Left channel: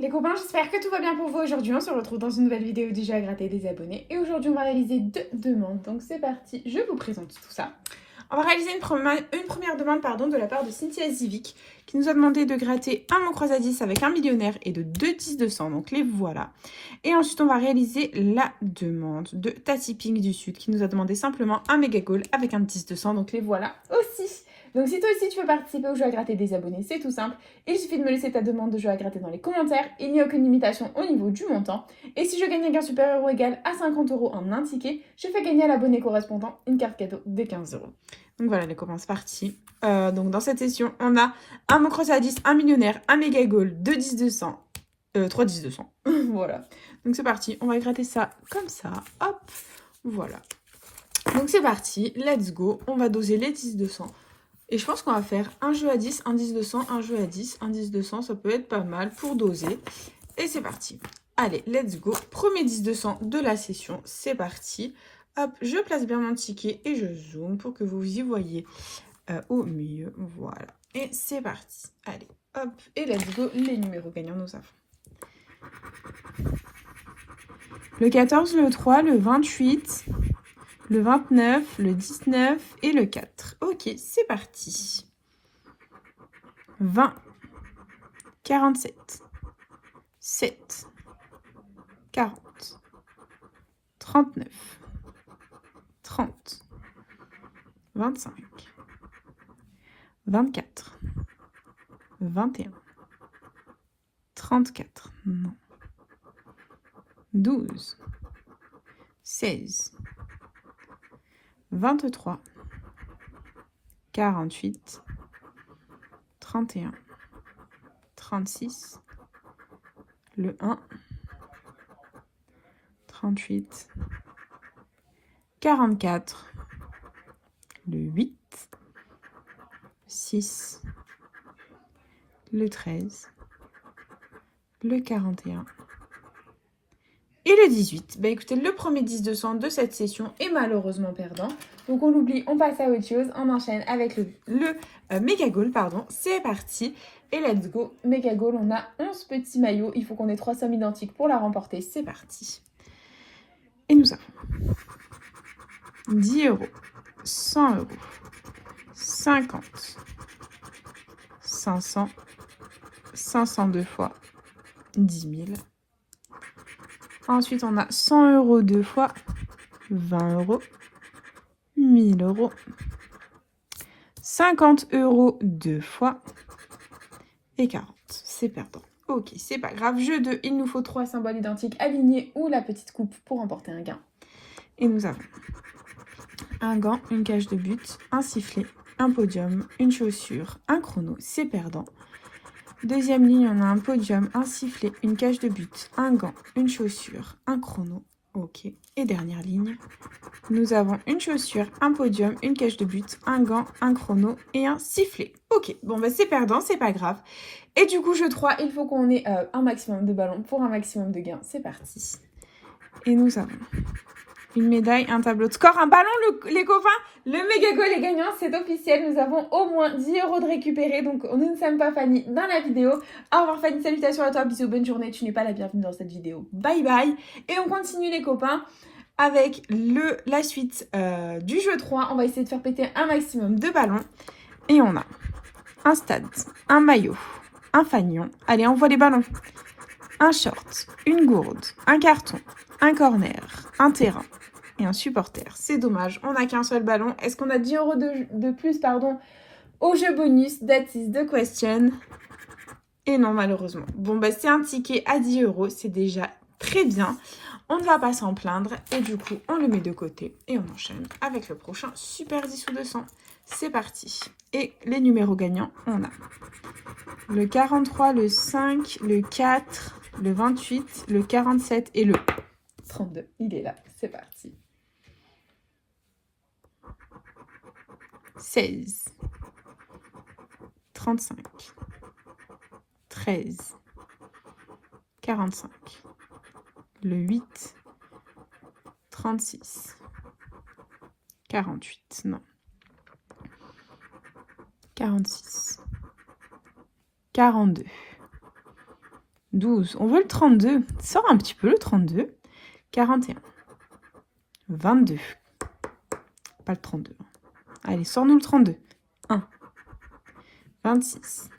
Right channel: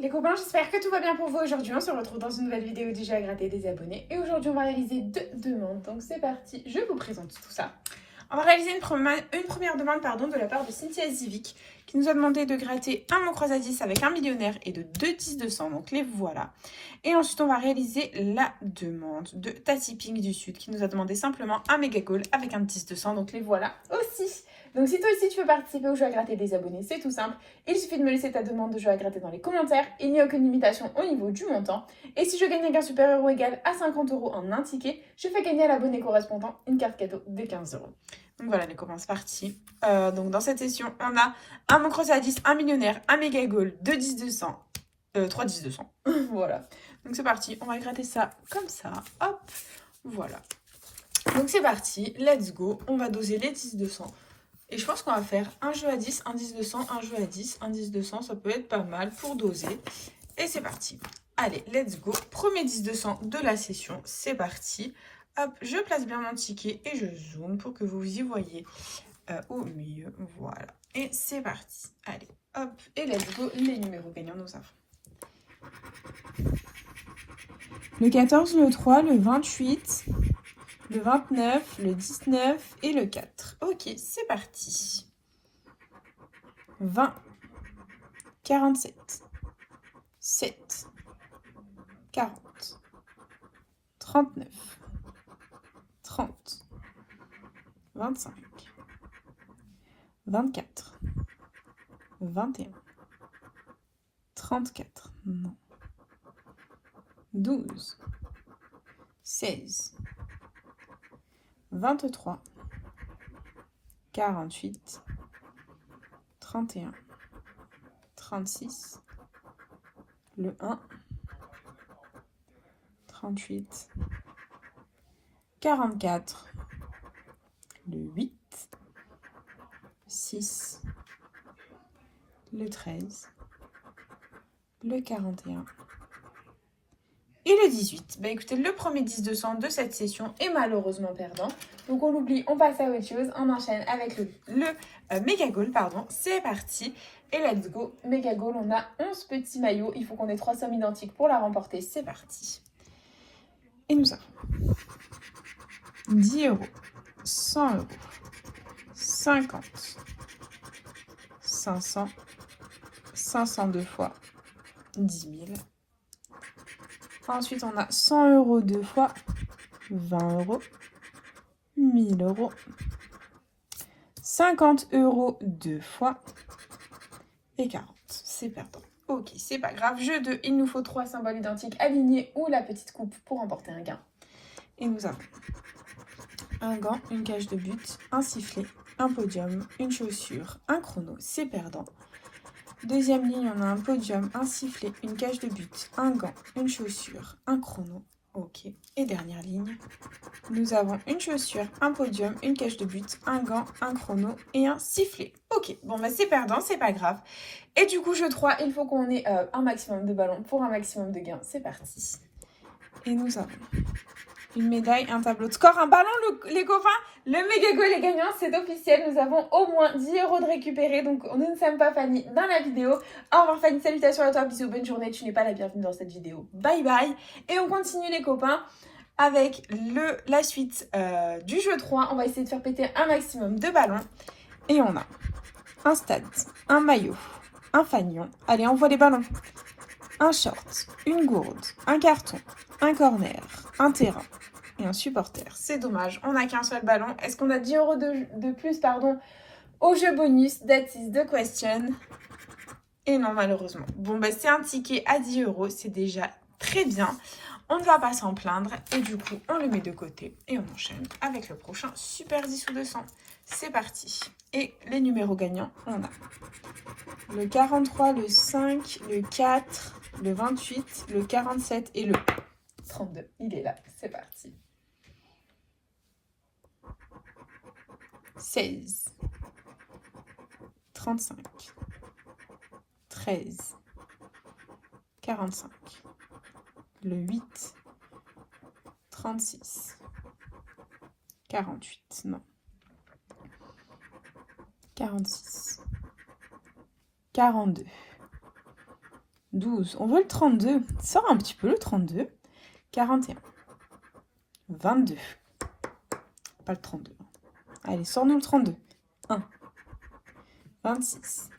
Les copains, j'espère que tout va bien pour vous aujourd'hui. On se retrouve dans une nouvelle vidéo du jeu à gratter des abonnés. Et aujourd'hui, on va réaliser 2 demandes. Donc c'est parti, je vous présente tout ça. On va réaliser une première demande de la part de Cynthia Zivic qui nous a demandé de gratter un mot croise à 10 avec un millionnaire et de 2 10 de 100. Donc les voilà. Et ensuite, on va réaliser la demande de Tassi Pink du Sud qui nous a demandé simplement un méga call avec un 10 de 100. Donc les voilà aussi. Donc si toi aussi tu veux participer au jeu à gratter des abonnés, c'est tout simple. Il suffit de me laisser ta demande de jeu à gratter dans les commentaires. Il n'y a aucune limitation au niveau du montant. Et si je gagne un gain supérieur ou égal à 50 € en un ticket, je fais gagner à l'abonné correspondant une carte cadeau de 15 €. Donc voilà les copains, c'est parti. Donc dans cette session, on a un mot cross à 10, un millionnaire, un méga goal, 2 10 200, 3 10 200. Voilà. Donc c'est parti, on va gratter ça comme ça. Hop, voilà. Donc c'est parti, let's go. On va doser les 10 200. Et je pense qu'on va faire un jeu à 10, un 10 200, un jeu à 10, un 10 200. Ça peut être pas mal pour doser. Et c'est parti. Allez, let's go. Premier 10 200 de la session. C'est parti. Hop, je place bien mon ticket et je zoome pour que vous y voyez au milieu. Voilà. Et c'est parti. Allez, hop. Et let's go. Les numéros gagnants, nous avons le 14, le 3, le 28... le 29, le 19 et le 4. Ok, c'est parti. 20, 47, 7, 40, 39, 30, 25, 24, 21, 34, non, 12, 16, 23, 48, 31, 36, le 1, 38, 44, le 8, 6, le 13, le 41 et le 18. Bah écoutez, le premier 10 200 de cette session est malheureusement perdant. Donc on l'oublie, on passe à autre chose. On enchaîne avec le méga goal, pardon. C'est parti. Et let's go. Méga goal, on a 11 petits maillots. Il faut qu'on ait 3 sommes identiques pour la remporter. C'est parti. Et nous avons 10 €, 100 €, 50, 500, 500 deux fois, 10 000. Ensuite, on a 100 € deux fois, 20 €, 1000 €, 50 € deux fois et 40. C'est perdant. Ok, c'est pas grave. Jeu 2, il nous faut 3 symboles identiques alignés ou la petite coupe pour remporter un gain. Et nous avons un gant, une cage de but, un sifflet, un podium, une chaussure, un chrono. C'est perdant. Deuxième ligne, on a un podium, un sifflet, une cage de but, un gant, une chaussure, un chrono. Ok. Et dernière ligne, nous avons une chaussure, un podium, une cage de but, un gant, un chrono et un sifflet. Ok. Bon, bah c'est perdant, c'est pas grave. Et du coup, jeu 3, il faut qu'on ait un maximum de ballons pour un maximum de gains. C'est parti. Et nous avons une médaille, un tableau de score, un ballon, les copains. Le méga goal est gagnant, c'est officiel. Nous avons au moins 10 € de récupérer. Donc, nous ne sommes pas Fanny dans la vidéo. Au revoir Fanny, salutations à toi, bisous, bonne journée. Tu n'es pas la bienvenue dans cette vidéo. Bye bye. Et on continue les copains avec la suite du jeu 3. On va essayer de faire péter un maximum de ballons. Et on a un stade, un maillot, un fanion. Allez, on voit les ballons. Un short, une gourde, un carton, un corner, un terrain et un supporter. C'est dommage, on n'a qu'un seul ballon. Est-ce qu'on a 10 € de plus au jeu bonus? That is the question. Et non, malheureusement. Bon, bah c'est un ticket à 10 €, c'est déjà très bien. On ne va pas s'en plaindre et du coup, on le met de côté et on enchaîne avec le prochain Super 10 ou 200. C'est parti. Et les numéros gagnants, on a le 43, le 5, le 4, le 28, le 47 et le 32. Il est là, c'est parti. 16, 35, 13, 45, le 8, 36, 48, non, 46, 42, 12. On veut le 32. Sors un petit peu le 32. 41. 22. Pas le 32. Allez, sors-nous le 32. 1. 26.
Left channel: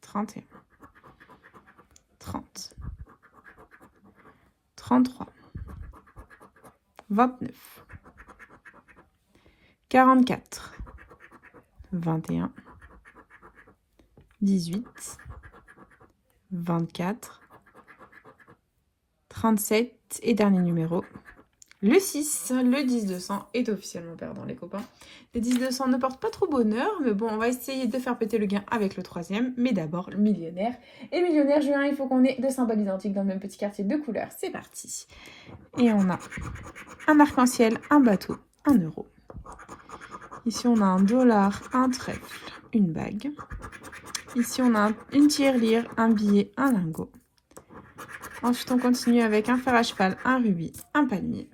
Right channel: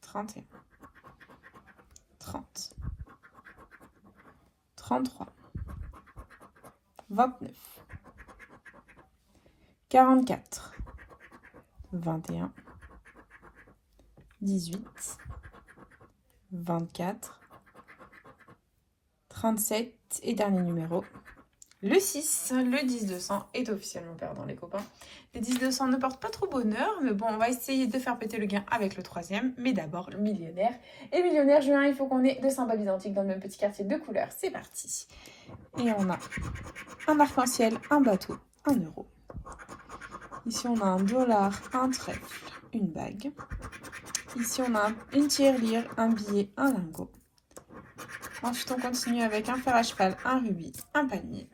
31. 30. 33. 29. 44. 21. 18. 24. 37. Et dernier numéro. Le 6, le 10-200 est officiellement perdant, les copains. Le 10-200 ne porte pas trop bonheur, mais bon, on va essayer de faire péter le gain avec le 3e. Mais d'abord, le millionnaire. Et millionnaire, Julien, il faut qu'on ait deux symboles identiques dans le même petit quartier de couleurs. C'est parti. Et on a un arc-en-ciel, un bateau, 1 euro. Ici, on a un dollar, un trèfle, une bague. Ici, on a une tirelire, un billet, un lingot. Ensuite, on continue avec un fer à cheval, un rubis, un palmier.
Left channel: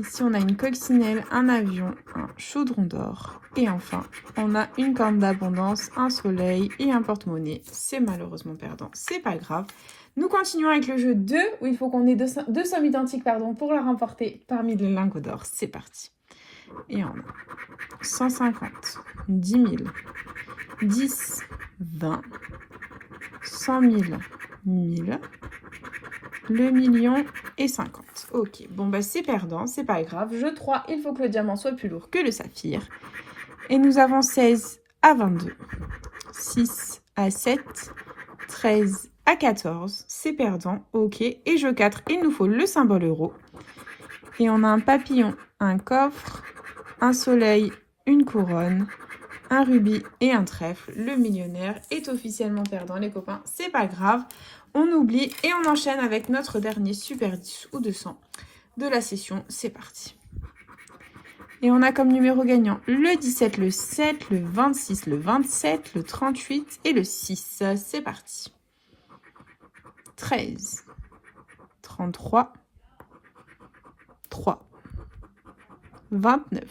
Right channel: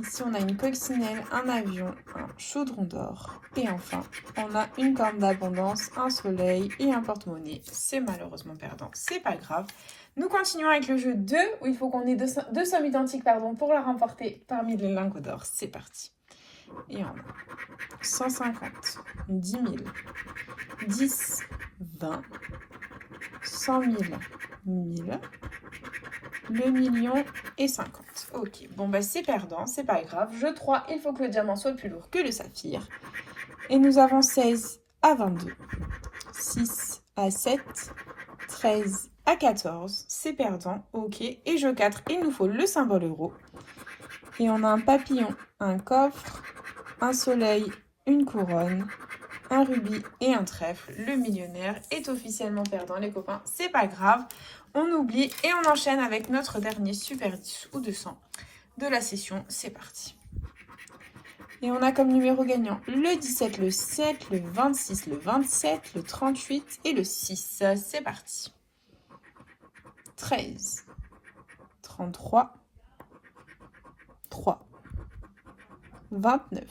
Ici, on a une coccinelle, un avion, un chaudron d'or. Et enfin, on a une corne d'abondance, un soleil et un porte-monnaie. C'est malheureusement perdant, c'est pas grave. Nous continuons avec le jeu 2, où il faut qu'on ait deux sommes identiques pour la remporter parmi les lingots d'or. C'est parti. Et on a 150, 10 000, 10, 20, 100 000, 1000, le million et 50. Ok, bon bah c'est perdant, c'est pas grave. Jeu 3, il faut que le diamant soit plus lourd que le saphir. Et nous avons 16 à 22, 6 à 7, 13 à 14, c'est perdant, ok. Et jeu 4, il nous faut le symbole euro. Et on a un papillon, un coffre, un soleil, une couronne, un rubis et un trèfle. Le millionnaire est officiellement perdant, les copains, c'est pas grave. On oublie et on enchaîne avec notre dernier super 10 ou 200 de la session. C'est parti. Et on a comme numéro gagnant le 17, le 7, le 26, le 27, le 38 et le 6. C'est parti. 13, 33, 3, 29,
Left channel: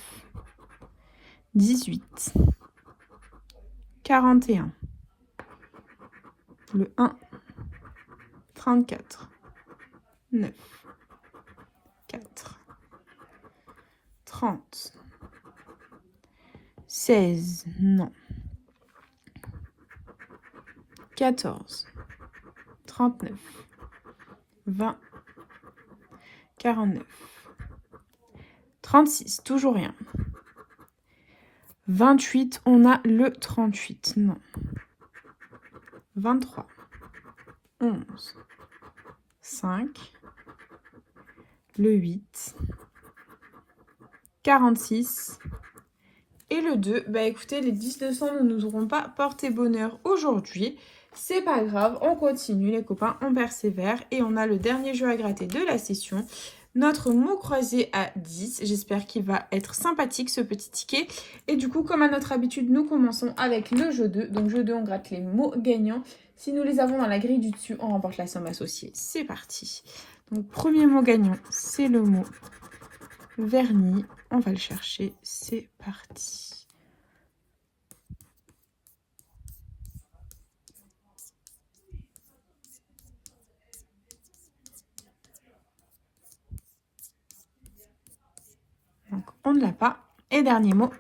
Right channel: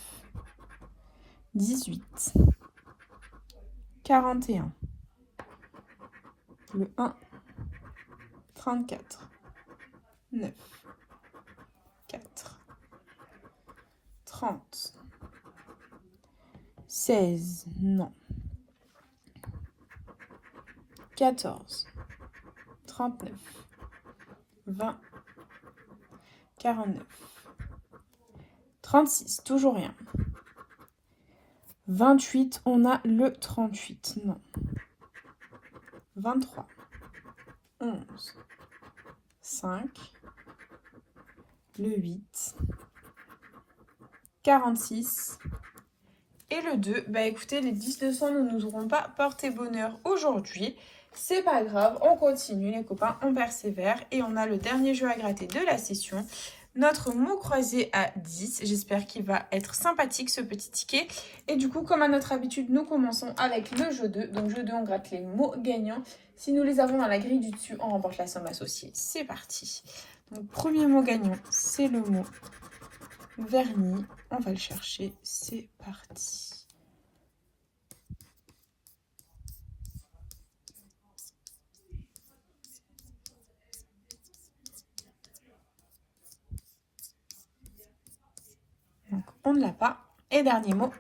18, 41, le 1, 34, 9, 4, 30, 16, non, 14, 39, 20, 49, 36, toujours rien. 28, on a le 38, non. 23, 11, 5, le 8, 46 et le 2. Bah écoutez, les 10-200 ne nous auront pas porté bonheur aujourd'hui. C'est pas grave, on continue les copains, on persévère et on a le dernier jeu à gratter de la session. Notre mot croisé à 10. J'espère qu'il va être sympathique ce petit ticket. Et du coup, comme à notre habitude, nous commençons avec le jeu 2. Donc jeu 2, on gratte les mots gagnants. Si nous les avons dans la grille du dessus, on remporte la somme associée. C'est parti. Donc premier mot gagnant, c'est le mot vernis. On va le chercher. C'est parti. Donc, on ne l'a pas. Et dernier mot,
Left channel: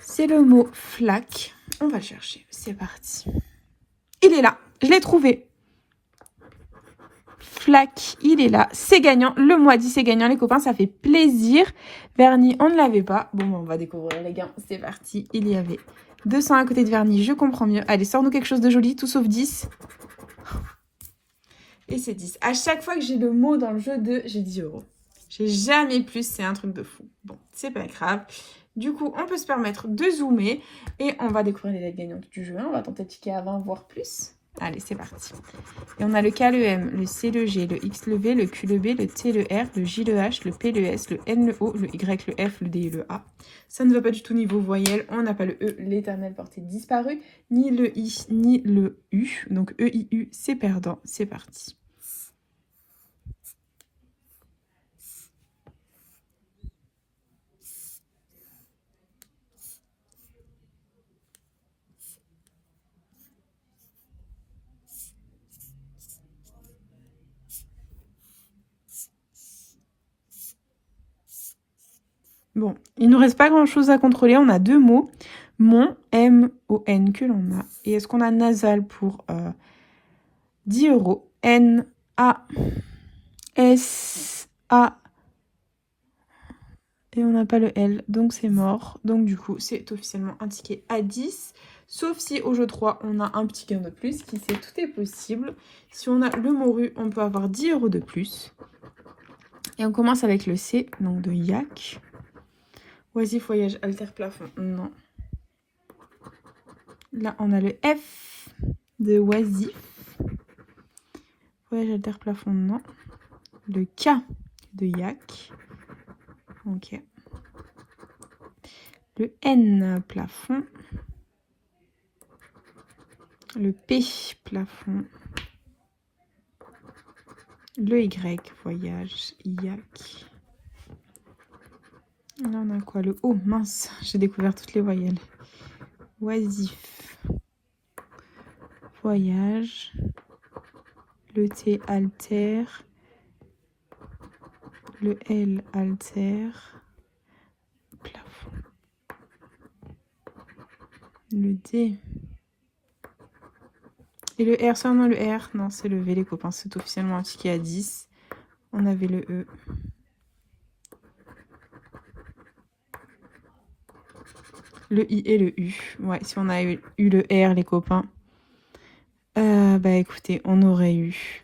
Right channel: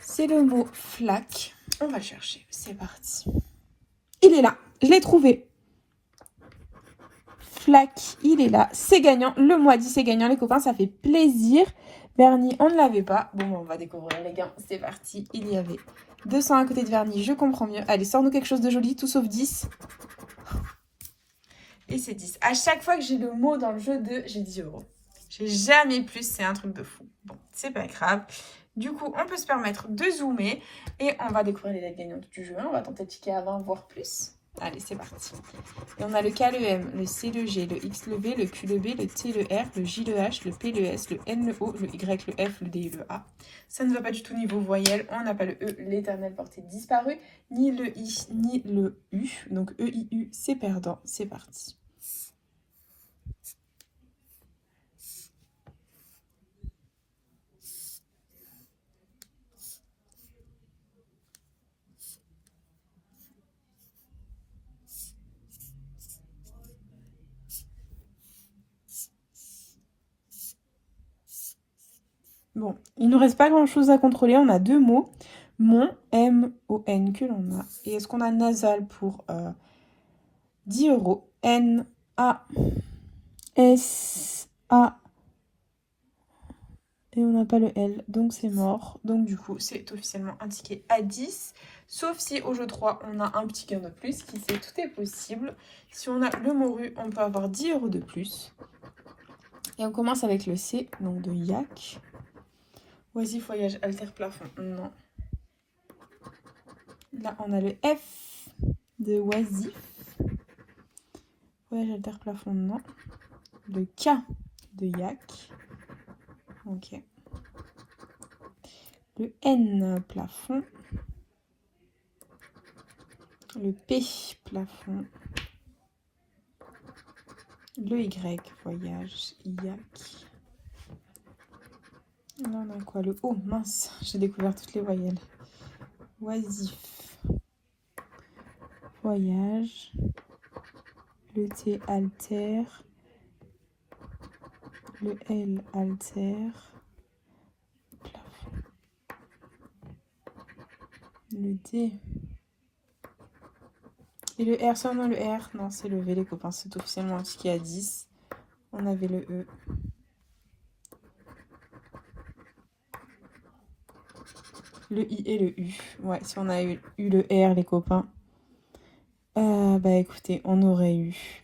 c'est le mot flaque. On va le chercher. C'est parti. Il est là. Je l'ai trouvé. Flaque, il est là. C'est gagnant. Le mois 10, c'est gagnant, les copains. Ça fait plaisir. Vernis, on ne l'avait pas. Bon, on va découvrir, les gars. C'est parti. Il y avait 200 à côté de vernis. Je comprends mieux. Allez, sors-nous quelque chose de joli. Tout sauf 10. Et c'est 10. À chaque fois que j'ai le mot dans le jeu 2, j'ai 10 euros. J'ai jamais plus, c'est un truc de fou. Bon, c'est pas grave. Du coup, on peut se permettre de zoomer et on va découvrir les lettres gagnantes du jeu. On va tenter de ticker avant, voire plus. Allez, c'est parti. Et on a le K, le M, le C, le G, le X, le V, le Q, le B, le T, le R, le J, le H, le P, le S, le N, le O, le Y, le F, le D et le A. Ça ne va pas du tout niveau voyelle. On n'a pas le E, l'éternel porté disparu, ni le I, ni le U. Donc E, I, U, c'est perdant. C'est parti. Bon, il ne nous reste pas grand-chose à contrôler. On a 2 mots. Mon, M-O-N que l'on a. Et est-ce qu'on a nasal pour 10 €? N-A-S-A. Et on n'a pas le L, donc c'est mort. Donc du coup, c'est officiellement un ticket à 10. Sauf si au jeu 3, on a un petit gain de plus. Qui sait, tout est possible. Si on a le morue, on peut avoir 10 € de plus. Et on commence avec le C, donc de yak. Oisif, voyage, alter, plafond, non. Là, on a le F de oisif. Voyage, alter, plafond, non. Le K de yak. Ok. Le N, plafond. Le P, plafond. Le Y, voyage, yak. Là, on a quoi? Le O, mince, j'ai découvert toutes les voyelles. Oisif, voyage. Le T, alter. Le L, alter. Plafond. Le D. Et le R, seulement le R. Non, c'est le V, les copains. C'est officiellement un ticket à 10. On avait le E. Le I et le U. Ouais, si on a eu le R, les copains. Bah écoutez, on aurait eu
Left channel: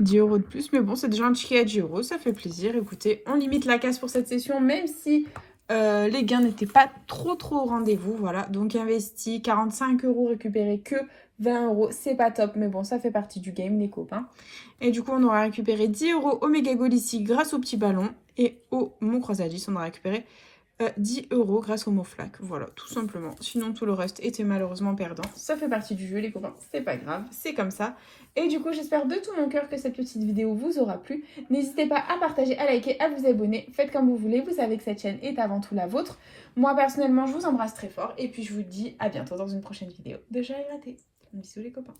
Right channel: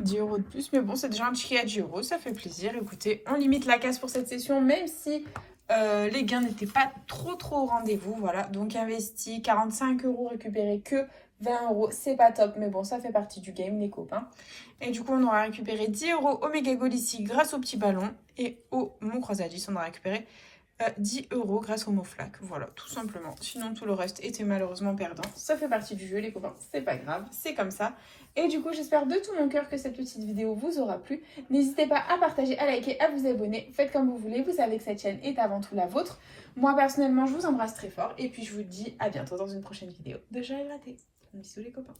10 € de plus. Mais bon, c'est déjà un ticket à 10 €. Ça fait plaisir. Écoutez, on limite la casse pour cette session, même si les gains n'étaient pas trop au rendez-vous. Voilà, donc investi 45 € récupéré que 20 €. C'est pas top, mais bon, ça fait partie du game, les copains. Et du coup, on aura récupéré 10 € au méga goal ici grâce au petit ballon. Et au mot croisalice, on aura récupéré 10 € grâce au mot flac. Voilà, tout simplement. Sinon, tout le reste était malheureusement perdant. Ça fait partie du jeu, les copains. C'est pas grave, c'est comme ça. Et du coup, j'espère de tout mon cœur que cette petite vidéo vous aura plu. N'hésitez pas à partager, à liker, à vous abonner. Faites comme vous voulez. Vous savez que cette chaîne est avant tout la vôtre. Moi, personnellement, je vous embrasse très fort. Et puis, je vous dis à bientôt dans une prochaine vidéo de Joël Raté. Bisous, les copains.